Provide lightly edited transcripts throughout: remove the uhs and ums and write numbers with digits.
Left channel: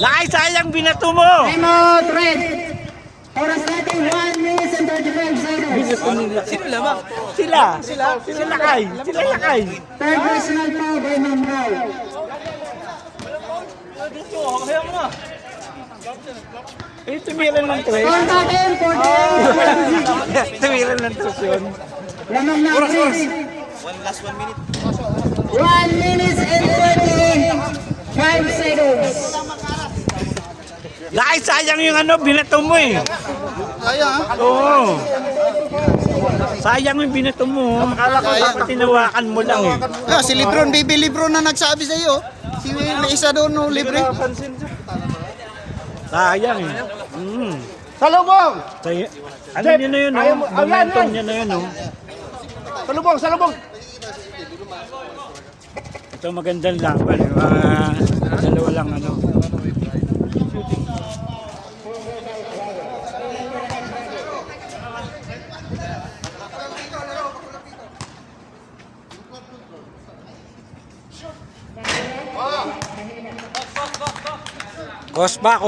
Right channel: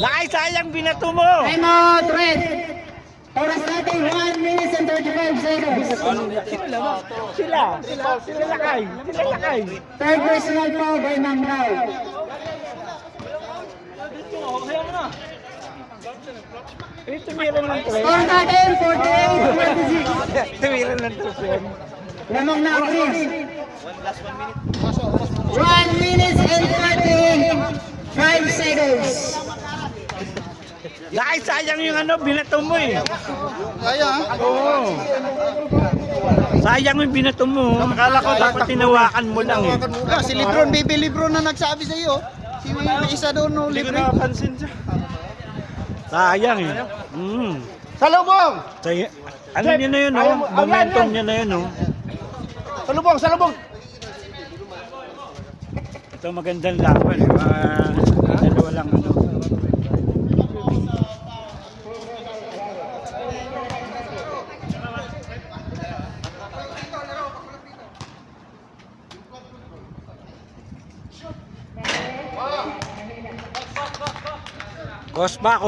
Lakay, sayang binato mo. Time out, red. Oras natin 1 minute and 35 seconds. Sino lamang? Sila lakay. Sila lakay. Third personal foul kay Ma'am Rao. Eh, tumiran ng tres. Score natin 48. Tumiran ng tres yun. Lamang na Chris. 1 minute and 35 seconds. Lakay, sayang yung ano, binato mo eh. Sayang ha? Oo. Sayang yung binato mo. Dapat tinawakan mo lang eh. Si Lebron, baby Lebron na nagsabi sa iyo. Si may isa doon no, libre. Sayang eh. Salubong! Ano nyo na yun, oh? Momentum nyo na yun, oh. Salubong, salubong! Ito magandang laban. Dalawa lang, ano. Kospa.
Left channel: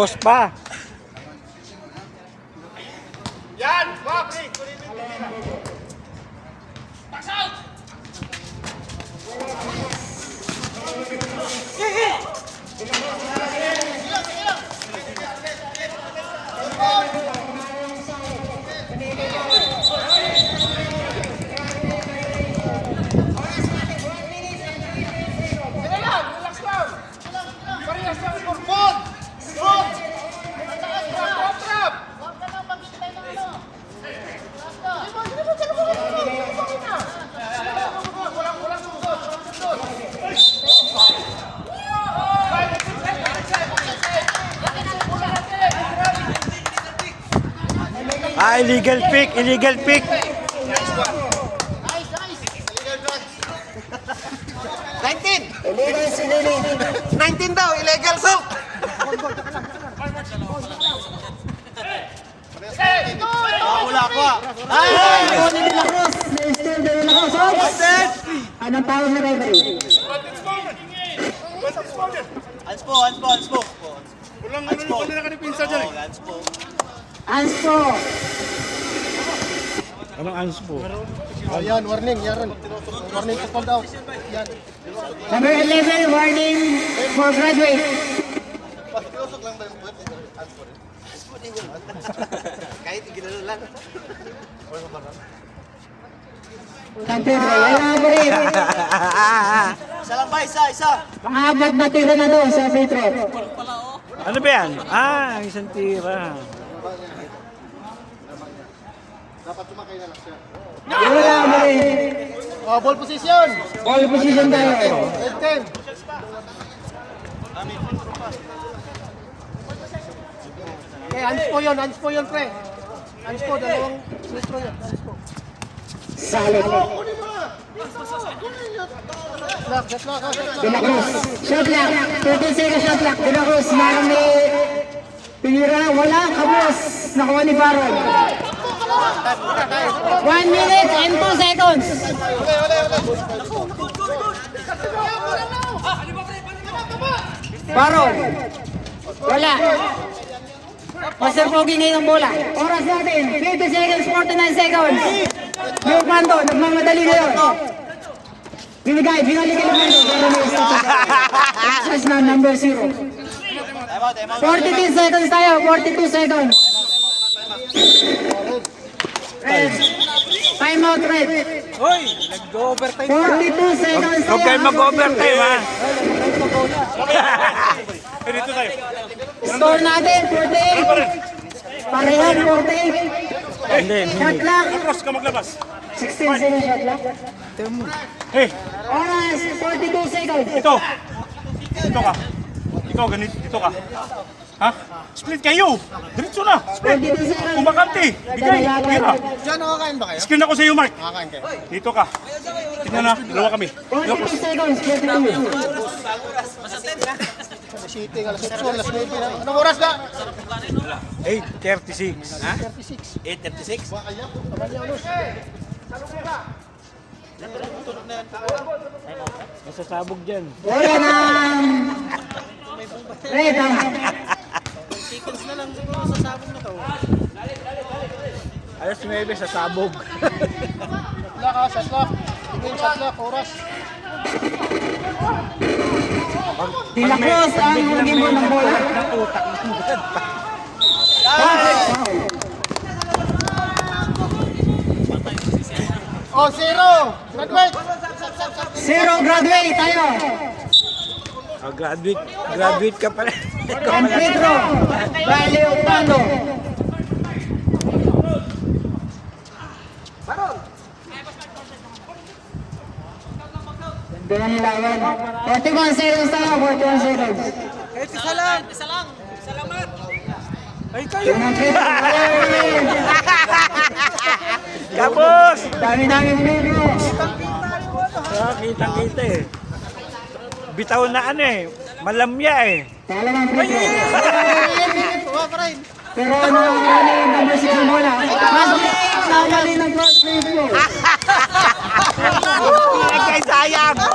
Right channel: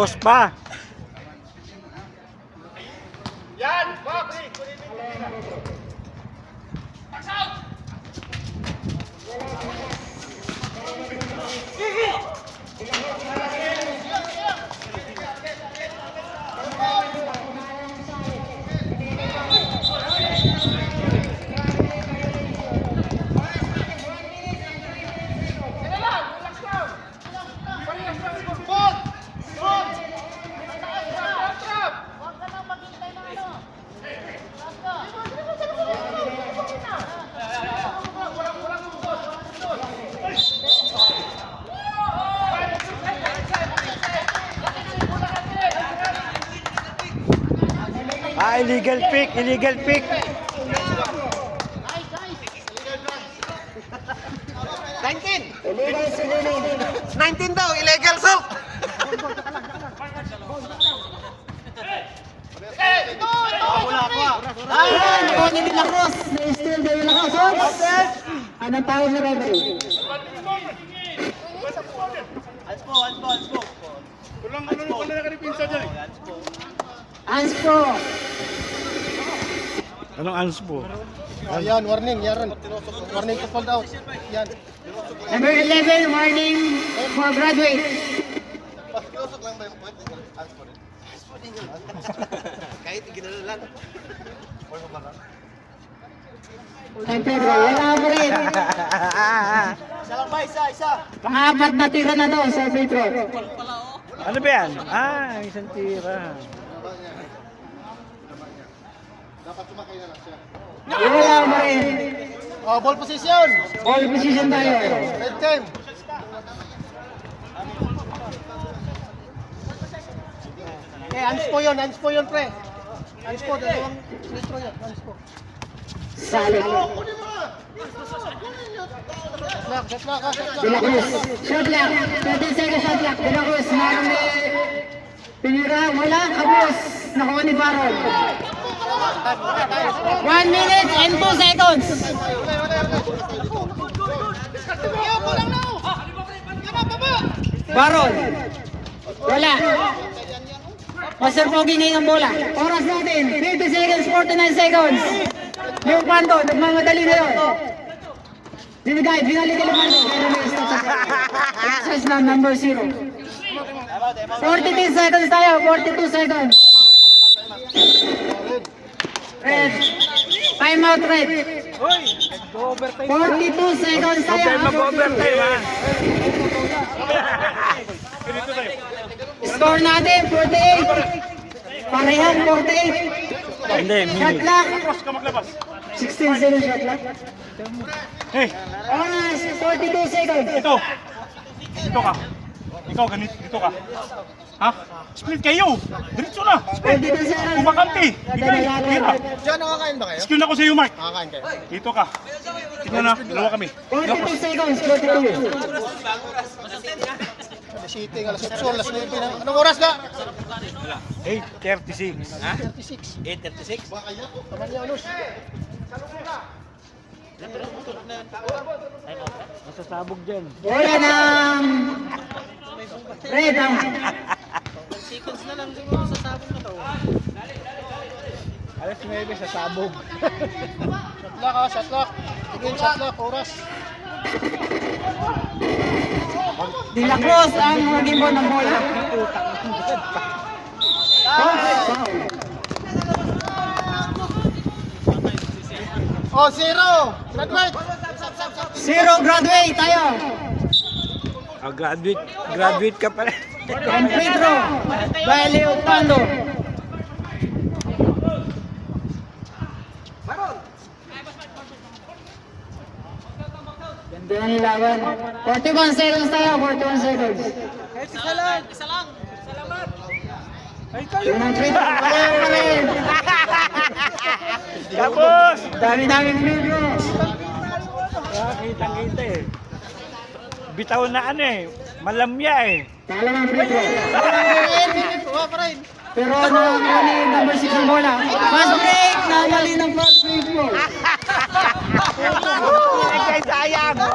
Illegal pick. Illegal si Lili. 19 daw, illegal soap. Na-steal daw yung nakasok. Anong tawag ni referee? Anspo. Anspo. Anong anspo? Ayan, warning, yaran. Warning to called out. Yan. Number 11, warning for graduate. Kahit ginano lang. Ante bro, wala pa rin. Isa lang ba? Isa. Apat na tira na doon sa free throw. Ano ba yan? Isang tira. Wala pa rin. Ball position. Ball position tayo. Red team. Anspo yun, pre. Anspo, dalawang metro yun. Anspo. Salot. De La Cruz. Shot clock. 30 seconds shot clock. De La Cruz. Meron ni Pinira. Wala. Kabos. Nakuha ni Baron. 1 minute and 2 seconds. Baron. Wala. Master Pogi ngayon ang bola. Oras natin. 50 seconds, 49 seconds. Yung Mando, nagmamadali na yun. Binigay kay Lumando. Pero may stop na access na number 0. 42 seconds tayo, 42 seconds. Red. Time out, Red. 42 seconds Huwag kayo mag-overtime, ha? Score natin, 48. Parehan, 48. Hindi, Shot clock. 16 seconds shot clock. Hey, Oras, 42 seconds. Ito ka. Ikaw, ito ka. Ha? Split kayo. Diretso na. Split. 42 seconds. Kumakante. Bigay. Tira. Diyan, nakakain ba kayo? Screen ako sa iyo, Mark. Nakakain kayo. Dito ka. Tingnan na. Dalawa kami. 42 seconds, 42. City, alas 8, alas 9. Anong oras ba? 8:36. Ha? 8:36. Nasasabog dyan. Bola ng Red. Alas 9 sa sabog. Shot clock. Tingin, shot clock, oras. De La Cruz ang mag-imbon ng bola. Ng utak ng God pa. Oh, 0. Graduate. 0 graduate tayo. Oh, graduate ka pala. And free throw. Value Pando. Ganda ng lawan. 41 seconds tayo, 41 seconds. Unang free throw. Kapos! Dami-dami free throw. Kitang-kita eh. Bitaw na ano eh. Malamya eh. Talo ng free throw. Pero ano yung number 6 ng bola? Fast break! Nakali ng fast break mo. Ay, sayang! 36,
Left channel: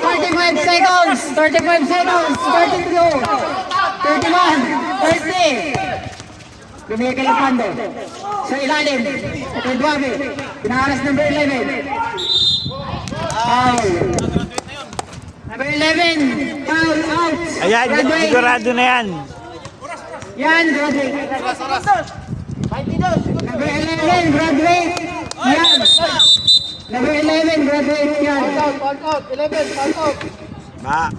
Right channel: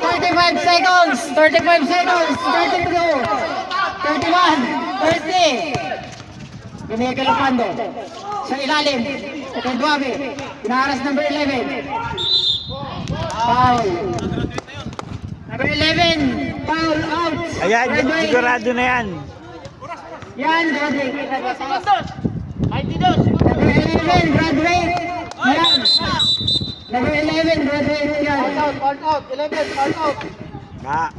35 seconds, 35 seconds, 32, 31, 30. Binigay ng Pando. Sa ilalim, kay Duabe. Pinaharas number 11. Foul. Number 11, foul out. Ayan, Graduate. sigurado na yan. Yan, graduate. Number 11, graduate. Yan. Number 11, graduate yan. Count out. 11. Count out. Ba,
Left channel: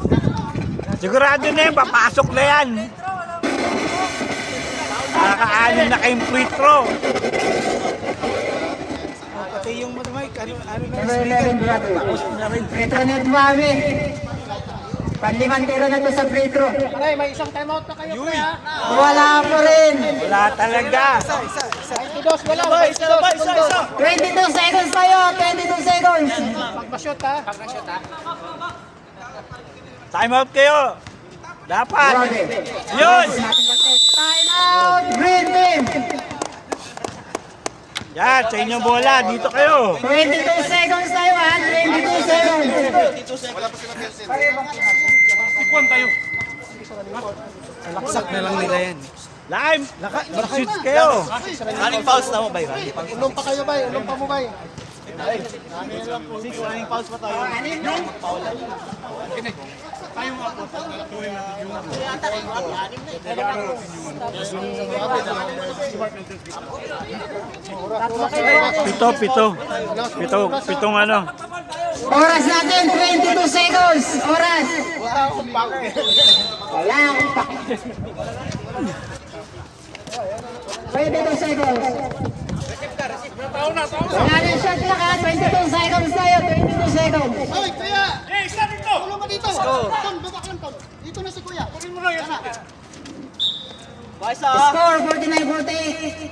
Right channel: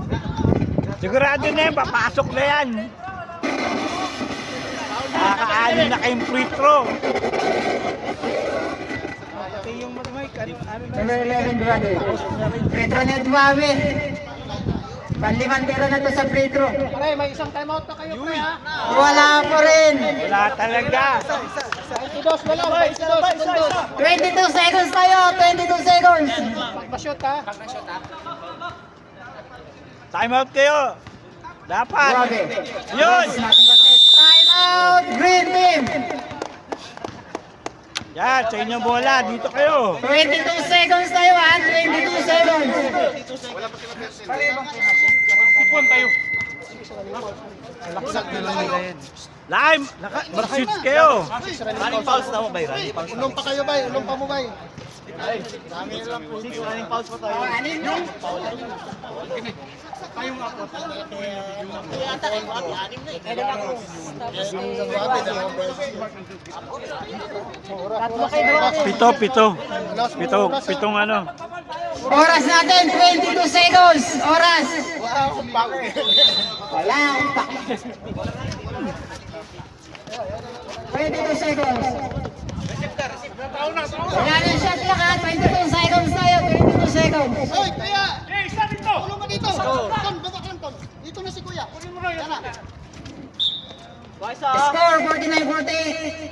sigurado na yan, papasok na yan. Nakaka-anim na kayong free throw. Number 11, graduate. Free throw ni Duabe. Panliman tiro na to sa free throw. Pare, may isang timeout na kayo, pre, ha? Wala po rin. Wala talaga. 22, wala. 22. 22 seconds tayo, 22 seconds. Pagpa-shoot, ha? Time out kayo. Dapat. Grabe. Yun! Time out, green team. Yan, sa inyong bola. Dito kayo. 22 seconds tayo ha, 22 seconds. Ikuan tayo. Lime. Shoot kayo. Inom pa kayo, bay. Inom pa mo, bay. Pitong ano. Oras natin, 22 seconds. Oras. Wala. 22 seconds. Wala na shot na ka, 22 seconds tayo, 22 seconds. Hoy, kuya! Eh, isa dito! Tulong mo dito! Score! Dito na si kuya. Kunin mo na yun. Score, 49-48.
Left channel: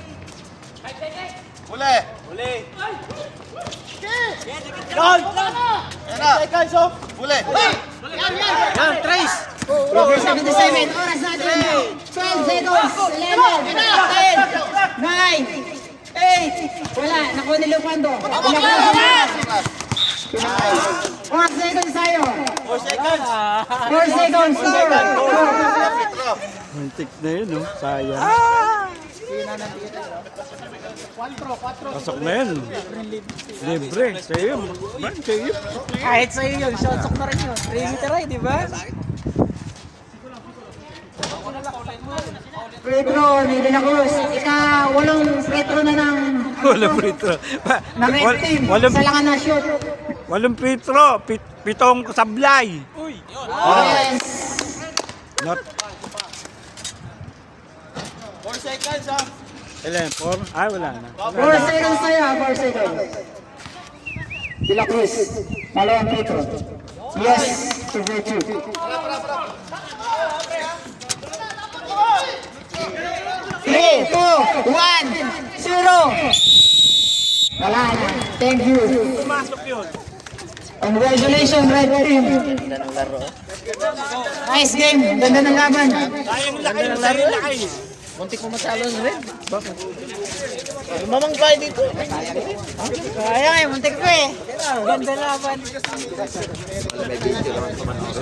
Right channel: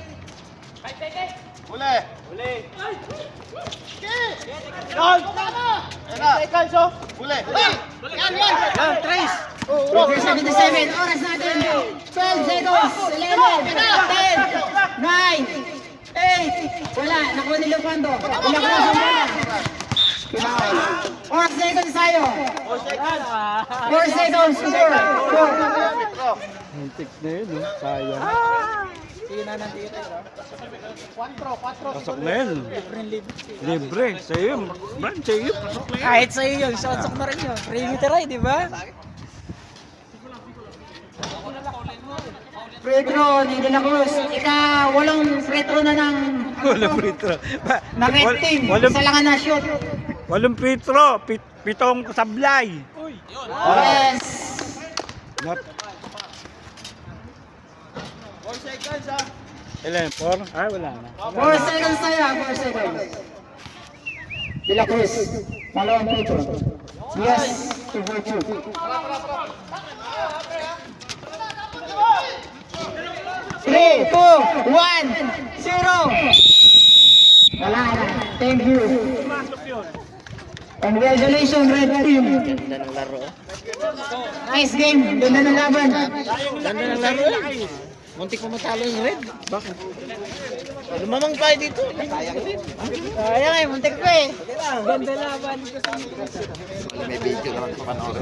Over 77, oras natin. 12 seconds, 11, 10, 9, 8, wala, nakuha ni Lupando. Ilang ko sa mga. 4 seconds tayo. 4 seconds, score. Antik na yun, no? Sayang. Pasok na yun. Libre. Sa'yo. Man, sa'yo. Kahit sa'yo yun, shotsok na rin yun. Perimeter ay, di ba? Free throw ni De La Cruz. Walang free throw na ng Walang free throw. red team. Walang, Isa lang ang na-shoot. walang free throw. Pitong sablay. Yes. Not. 4? Ah, wala na. 4 seconds tayo, 4 seconds. De La Cruz. Malawang free throw. Yes, to virtue. 3, 2, 1, 0. Wala na. Thank you. Congratulations, Red Team. Nice game. Ganda ng laban. Ganda ng laro. Muntik mo matalo ng Red. Bakit? Lumamang pa dito. Kaya nga, muntik pa eh. Ganda laban. May video naman sa panahon.